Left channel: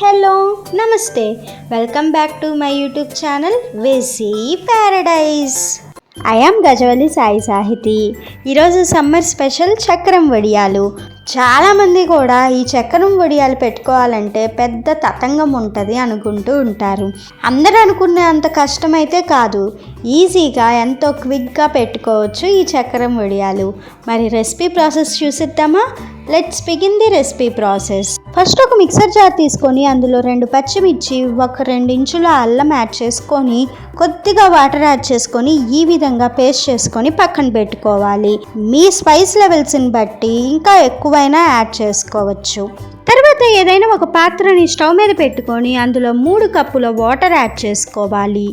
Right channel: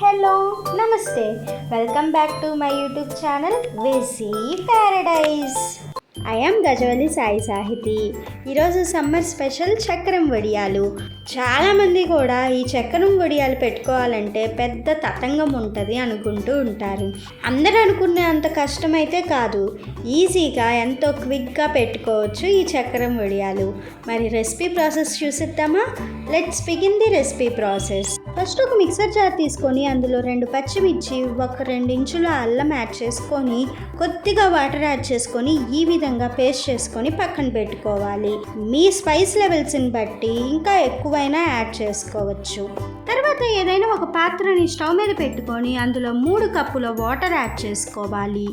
Hello నమస్తే. Welcome back to my YouTube channel వెసీ paradise I am Gajavalli Sai Sahithi ఈరోజు summer special చక్రం వడియాలు. చాలామంది కూడా ఈ చక్రం వడియాలు పెట్టుకోవాలంటే పెద్ద తతంగం ఉంటుంది అనుకుంటూ ఉంటారు. అందరూ అనుకునే అంత కష్టమైతే కాదు. ఈజీగా ఎంతో క్విక్గా పెట్టుకోవచ్చు ఈ చక్రం వడియాలు. మరి recipe process చూసిద్దామా? Let's begin the recipe process. First ఒక మిక్సర్ జార్ తీసుకొని అందులో రెండు పచ్చిమిర్చి ఒక రెండు ఇంచుల అల్లం యాడ్ చేసుకొని కొద్దిగా వాటర్ యాడ్ చేసుకొని ఈ విధంగా పేస్ట్ చేసుకొని పక్కన పెట్టుకోవాలి. మీ స్పైస్ లెవెల్స్ని బట్టి ఇంకా ఎక్కువ అయినా యాడ్ చేసుకోవచ్చు. తర్వాత ఏదైనా ఒక పాత్రని స్టవ్ మీద పెట్టుకొని అందులో మూడు కప్పుల వాటర్ యాడ్ చేసుకోవాలి.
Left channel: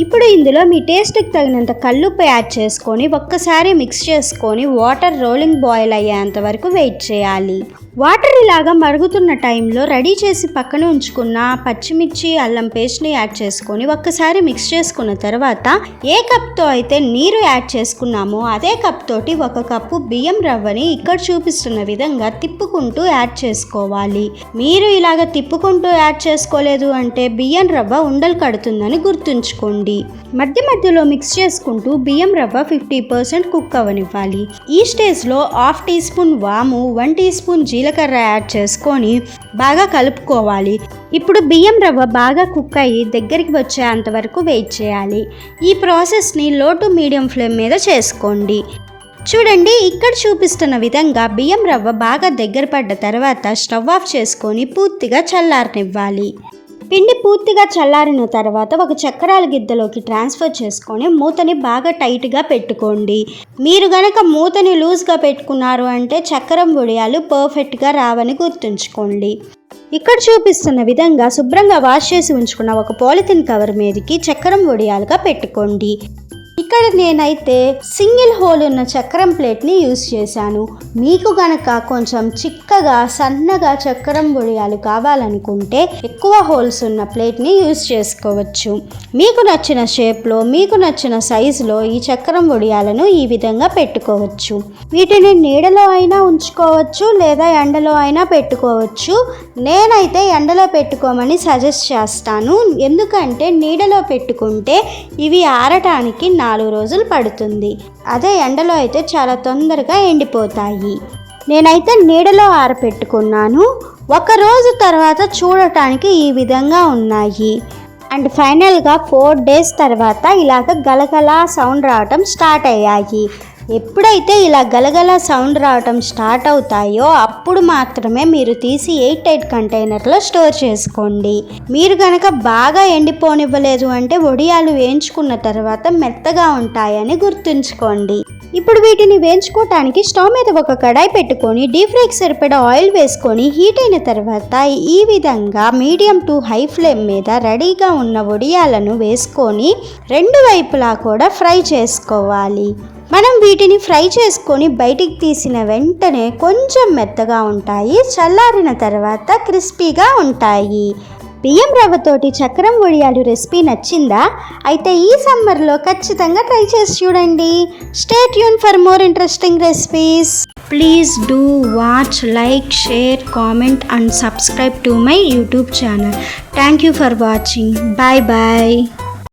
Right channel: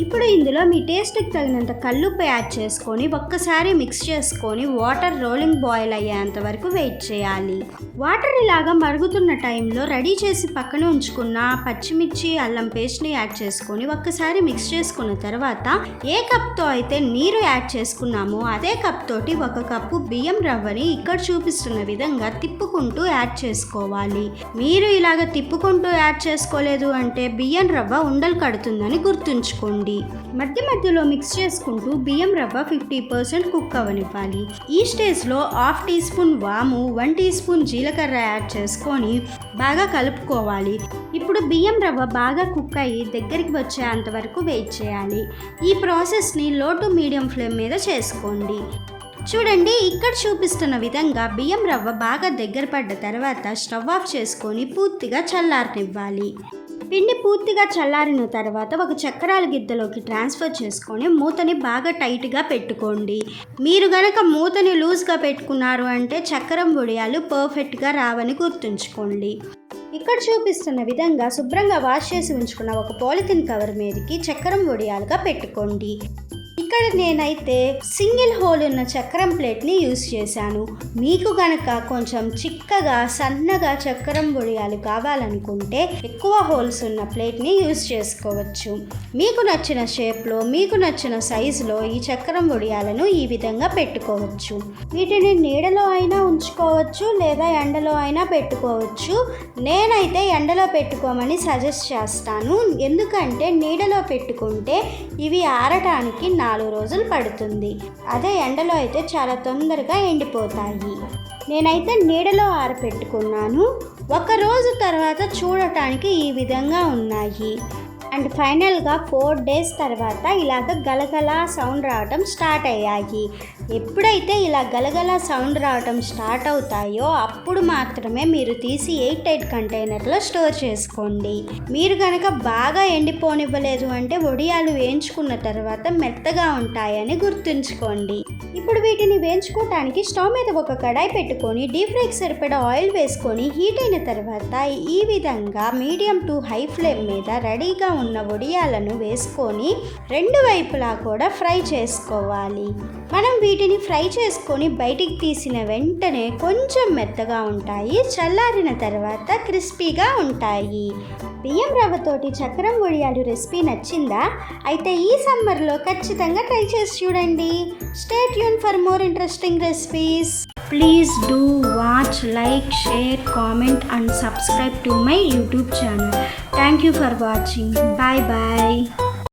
ఇప్పుడు ఇందులో మీ టేస్ట్కి తగినంత కల్లుప్పు యాడ్ చేసుకొని ఒక్కసారి మిక్స్ చేసుకొని వాటర్ రోలింగ్ బాయిల్ అయ్యేంత వరకు వెయిట్ చేయాలి. వాటర్ ఇలాగా మరుగుతున్న టైంలో రెడీ చేసి పక్కన ఉంచుకున్న పచ్చిమిర్చి అల్లం పేస్ట్ని యాడ్ చేసుకొని ఒక్కసారి మిక్స్ చేసుకున్న తర్వాత ఏ కప్తో అయితే నీరు యాడ్ చేసుకున్నామో అదే కప్ తోటి ఒక కప్పు బియ్యం రవ్వని ఇక్కడ చూపిస్తున్న విధంగా తిప్పుకుంటూ యాడ్ చేసుకోవాలి. మీరు ఇలాగ తిప్పుకుంటూ యాడ్ చేసుకోలేదు అంటే బియ్యం రవ్వ ఉండలు కడుతుందని గుర్తుంచుకోండి. మధ్య మధ్యలో మిక్స్ చేసుకుంటూ బియ్యం రవ్వ ఫిఫ్టీ పర్సెంట్ కుక్ అవ్వనివ్వాలి ఈ స్టేజ్లో హాఫ్ టీ స్పూన్ వాము వన్ టీ స్పూన్ జీలకర్ర యాడ్ చేసుకొని బాగా కలుపుకోవాలి. ఇప్పుడు బియ్యం రవ్వ బాగా కుక్ అయ్యి దగ్గరికి వచ్చేంత వరకు వెయిట్ చేయాలి. ఈ ప్రాసెస్ని లో టు మీడియం ఫ్లేమ్ మీద చేసుకోండి. చూడండి ఇక్కడ చూపిస్తున్న విధంగా బియ్యం రవ్వ బాగా దగ్గర పడ్డ తర్వాత స్టవ్ ఆఫ్ చేసుకొని పూర్తిగా చల్లారనివ్వాలి. పిండి పూర్తిగా చల్లారిన తర్వాత ఒక చక్రాల గిద్దలోకి ట్రాన్స్ఫర్ చేసుకొని మూతని బాగా టైట్గా పెట్టుకోండి. మీరు గనక మూతని లూజ్గా పెట్టుకున్నారు అంటే చక్రం వడియాలు పర్ఫెక్ట్గా రావని గుర్తుంచుకోండి. ఇక్కడ చూపిస్తున్న విధంగా శుభ్రంగా వాష్ చేసి ఉంచుకున్న ఒక పాలిథిన్ కవర్ మీదకి చక్రం వడియాలుగా పెట్టుకోండి. ఇక్కడ నేనైతే సింగిల్ హోల్ ఉన్న చక్రం ప్లేట్ని యూస్ చేశాను. మీకు గనక కొంచెం చిక్కగా సన్నగా చక్రం వడియాలు కావాలనుకుంటే ఎక్కువ హోల్స్ ఉన్న ప్లేట్ని యూస్ చేసుకోవచ్చు. మీకు నచ్చిన షేప్లో మీకు నచ్చిన సైజులో ఈ చక్రం వడియాలను ఈ విధంగా పెట్టుకోవచ్చు. వీటిని నీడలో అయినా ఉంచుకోవచ్చు లేదా ఎండలో అయినా పెట్టుకోవచ్చు. నేనైతే ఎండలో పెట్టుకోమని సజెస్ట్ చేస్తాను. ఎందుకంటే నీడలో పెట్టుకుంటే ఇవి ఆరటానికి నాలుగు రోజులు పడుతుంది. అదే ఎండలో అయితే చాలా తొందరగా ఎండిపోతాయి. నేనైతే నీడలో ఆరపెట్టుకున్నాను. ఒక రోజు తర్వాత చూడటానికి ఈ విధంగా ఉన్నాయి. అండ్ ఫైనల్గా ఫోర్ డేస్ తర్వాత ఇలాగ గలగల సౌండ్ రావటం స్టార్ట్ అయ్యాయి. ఎప్పుడైతే ఇలా గలగల సౌండ్ రావటం స్టార్ట్ అవుతాయో అప్పుడు మాత్రమే మీరు తీసి ఎయిట్ ఎయిట్ కంటైనర్లో స్టోర్ చేసుకోండి. మీరు కనుక బాగా ఎండిపోనివ్వలేదు అంటే వడియాలు వేయించుకున్న తర్వాత మెత్తగా ఉంటాయని గుర్తుంచుకోండి. ఇప్పుడు వీటిని వేయించుకోవటానికి స్టవ్ మీద ఒక కడాయి పెట్టుకొని డీప్ ఫ్రైకి సరిపడా ఆయిల్ వేసుకొని హీట్ అయిన తర్వాత ఈ విధంగా మీడియం టు హై ఫ్లేమ్ మీద రెడీగా ఉన్న వడియాలను వేసుకొని రెండు వైపులా కూడా ఫ్రై చేసుకోవాలి. మనం వీటిని ఫ్రై చేసుకొని బయటికి తీసిన వెంటనే కొంచెం మెత్తగా ఉంటాయి చల్లారిన తర్వాత క్రిస్పీగా ఉంటాయి. బియ్యం రవ్వతోటి చక్రం ఒడియాలు రెసిపీ నచ్చిందా? అయితే ఈ సమ్మర్లో ఖచ్చితంగా ట్రై చేసి చూడండి. Stay Yoon for more interesting recipes please do watch like share comment and subscribe to my YouTube channel thank you for watching bye bye